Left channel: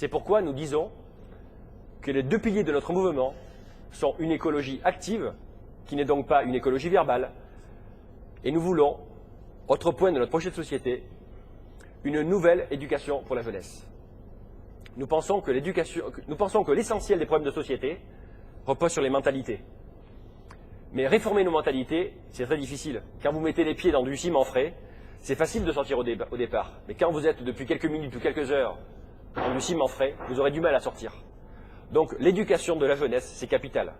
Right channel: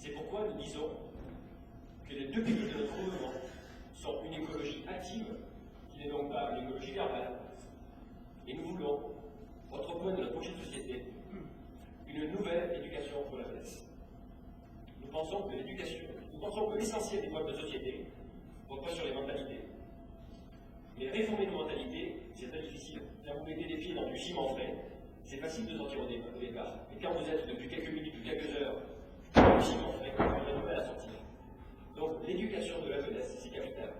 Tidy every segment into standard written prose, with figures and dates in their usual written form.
C'est pourquoi nous disons que les deux piliers de notre mouvement sont une écologie active, qui n'est donc pas une écologie verbale, et nous voulons, autre point de notre projet de société, une nouvelle éducation pour la jeunesse. Nous pensons que l'essentiel des problèmes de société repose sur les mentalités. Mais réformer nos mentalités, c'est très difficile. Quand vous mettez les pieds dans du ciment frais, c'est facile de sortir au départ. Mais quand vous êtes depuis quelques minutes ou quelques heures dans du ciment frais, vous aurez du mal à sortir. Donc l'éducation de la jeunesse, c'est capital.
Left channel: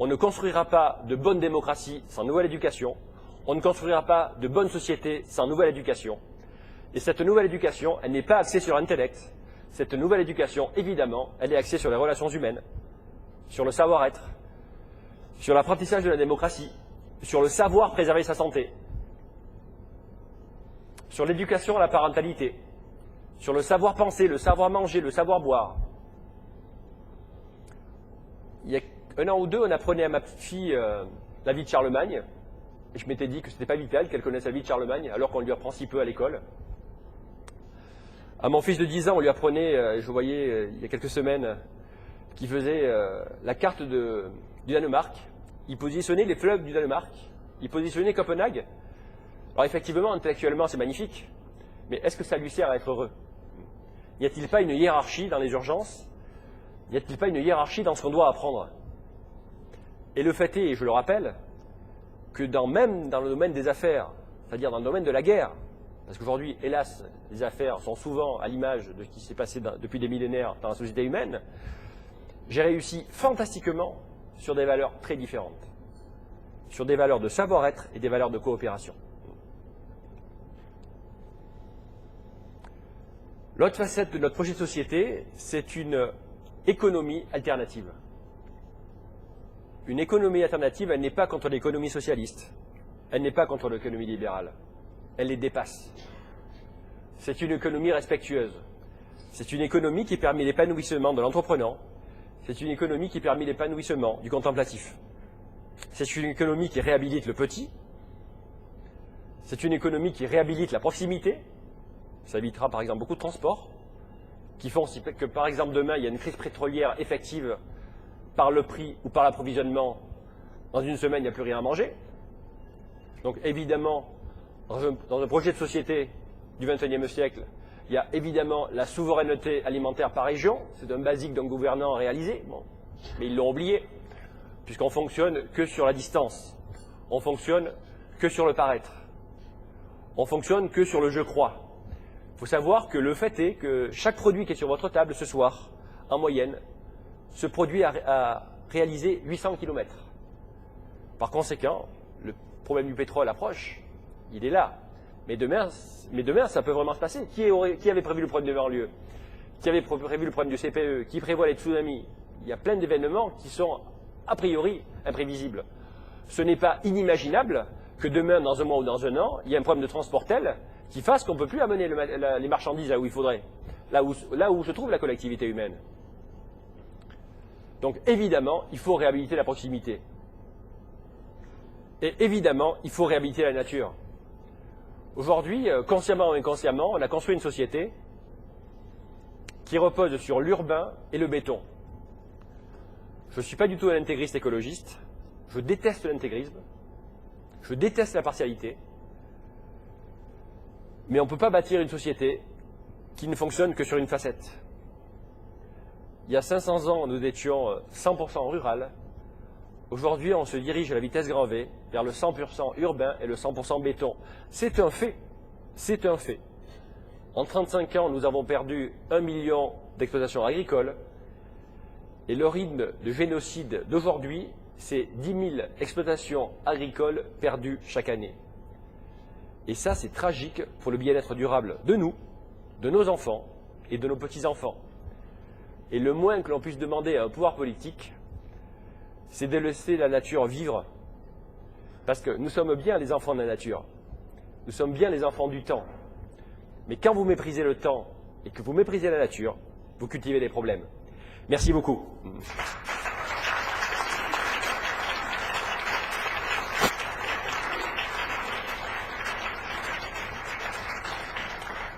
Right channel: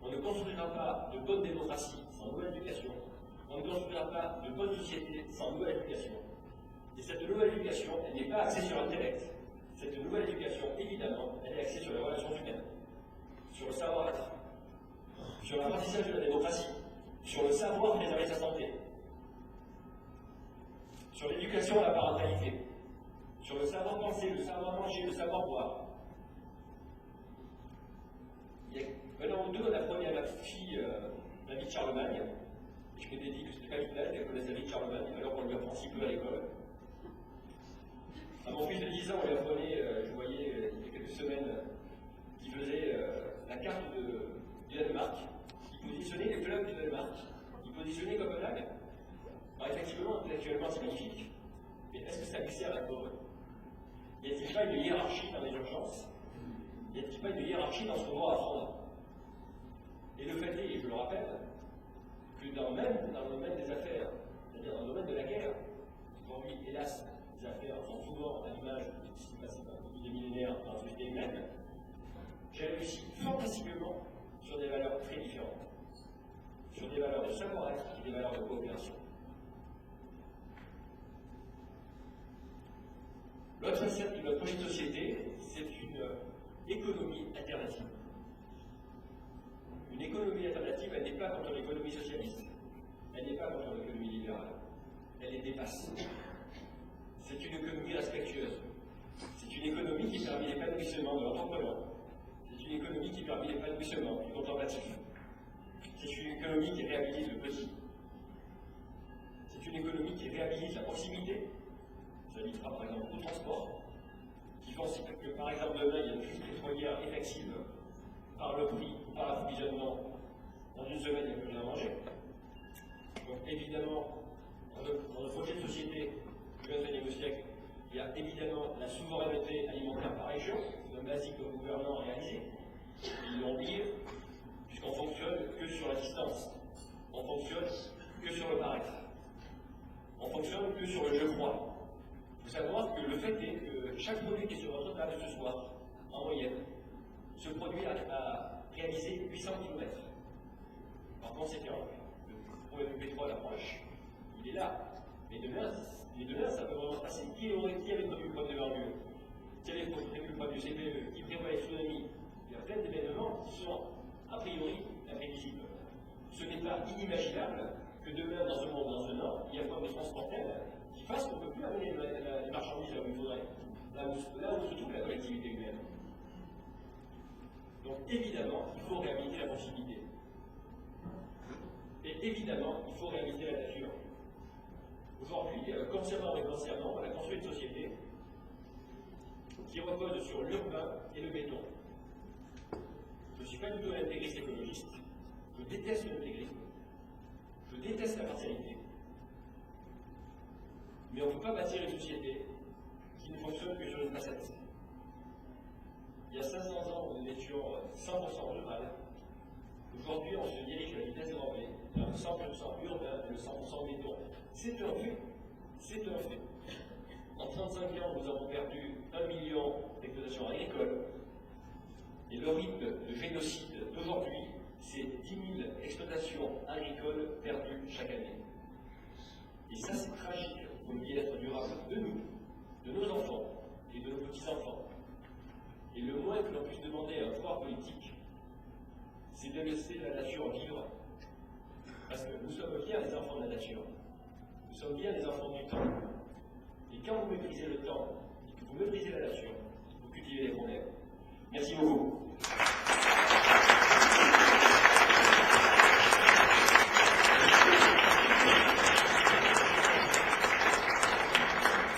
On ne construira pas de bonne démocratie sans nouvelle éducation. On ne construira pas de bonne société sans nouvelle éducation. Et cette nouvelle éducation, elle n'est pas axée sur l'intellect. Cette nouvelle éducation, évidemment, elle est axée sur les relations humaines, sur le savoir-être, sur l'apprentissage de la démocratie, sur le savoir préserver sa santé, sur l'éducation à la parentalité, sur le savoir penser, le savoir manger, le savoir boire. Il y a un an ou deux, on apprenait à ma petite fille la vie de Charlemagne. Et je m'étais dit que ce n'était pas vital qu'elle connaisse la vie de Charlemagne, alors qu'on lui apprend si peu à l'école. À mon fils de 10 ans, on lui apprenait, je voyais il y a quelques semaines, qu'il faisait la carte du Danemark. Il positionnait les fleuves du Danemark. Il positionnait Copenhague. Alors effectivement, intellectuellement, c'est magnifique. Mais est-ce que ça lui sert à être heureux? N'y a-t-il pas une hiérarchie dans les urgences? N'y a-t-il pas une hiérarchie dans ce qu'on doit apprendre? Et le fait est, et je le rappelle, que même dans le domaine des affaires, c'est-à-dire dans le domaine de la guerre, parce qu'aujourd'hui, hélas, les affaires sont souvent à l'image de ce qui s'est passé depuis des millénaires dans la société humaine, j'ai réussi fantastiquement sur des valeurs très différentes, sur des valeurs de savoir-être et des valeurs de coopération. L'autre facette de notre projet de société, c'est une économie alternative. Une économie alternative, elle n'est pas contre l'économie socialiste, elle n'est pas contre l'économie libérale, elle les dépasse. C'est une économie respectueuse. C'est une économie qui permet l'épanouissement de l'entrepreneur. C'est une économie qui permet l'épanouissement du contemplatif. C'est une économie qui réhabilite le petit. C'est une économie qui réhabilite la proximité. Ça évitera par exemple beaucoup de transports, qui font que par exemple demain il y a une crise pétrolière effective par le prix ou par l'approvisionnement. Dans une semaine, il n'y a plus rien à manger. Donc évidemment, dans un projet de société du XXIe siècle, il y a évidemment la souveraineté alimentaire par région. C'est un basique d'un gouvernant à réaliser. Bon. Mais ils l'ont oublié, puisqu'on fonctionne que sur la distance. On fonctionne que sur le paraître. On fonctionne que sur le je crois. Il faut savoir que le fait est que chaque produit qui est sur votre table ce soir, en moyenne, ce produit a réalisé 800 km. Par conséquent, le problème du pétrole approche, il est là. Mais demain, ça peut vraiment se passer. Qui avait prévu le problème de banlieue? Qui avait prévu le problème du CPE? Qui prévoit les tsunamis? Il y a plein d'événements qui sont a priori imprévisibles. Ce n'est pas inimaginable que demain, dans un mois ou dans un an, il y ait un problème de transport tel qui fasse qu'on ne peut plus amener les marchandises là où il faudrait, là où se trouve la collectivité humaine. Donc évidemment, il faut réhabiliter la proximité. Et évidemment, il faut réhabiliter la nature. Aujourd'hui, consciemment ou inconsciemment, on a construit une société qui repose sur l'urbain et le béton. Je ne suis pas du tout un intégriste écologiste. Je déteste l'intégrisme. Je déteste la partialité. Mais on ne peut pas bâtir une société qui ne fonctionne que sur une facette. Il y a 500 ans, nous étions 100% rural. Aujourd'hui, on se dirige à la vitesse grand V vers le 100% urbain et le 100% béton. C'est un fait. C'est un fait. En 35 ans, nous avons perdu 1 million d'exploitations agricoles. Et le rythme de génocide d'aujourd'hui, c'est 10 000 exploitations agricoles perdues chaque année. Et ça, c'est tragique pour le bien-être durable de nous, de nos enfants et de nos petits-enfants. Et le moins que l'on puisse demander à un pouvoir politique, c'est de laisser la nature vivre. Parce que nous sommes bien les enfants de la nature. Nous sommes bien les enfants du temps. Mais quand vous méprisez le temps et que vous méprisez la nature, vous cultivez des problèmes. Merci beaucoup.